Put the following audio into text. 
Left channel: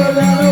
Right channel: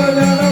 la la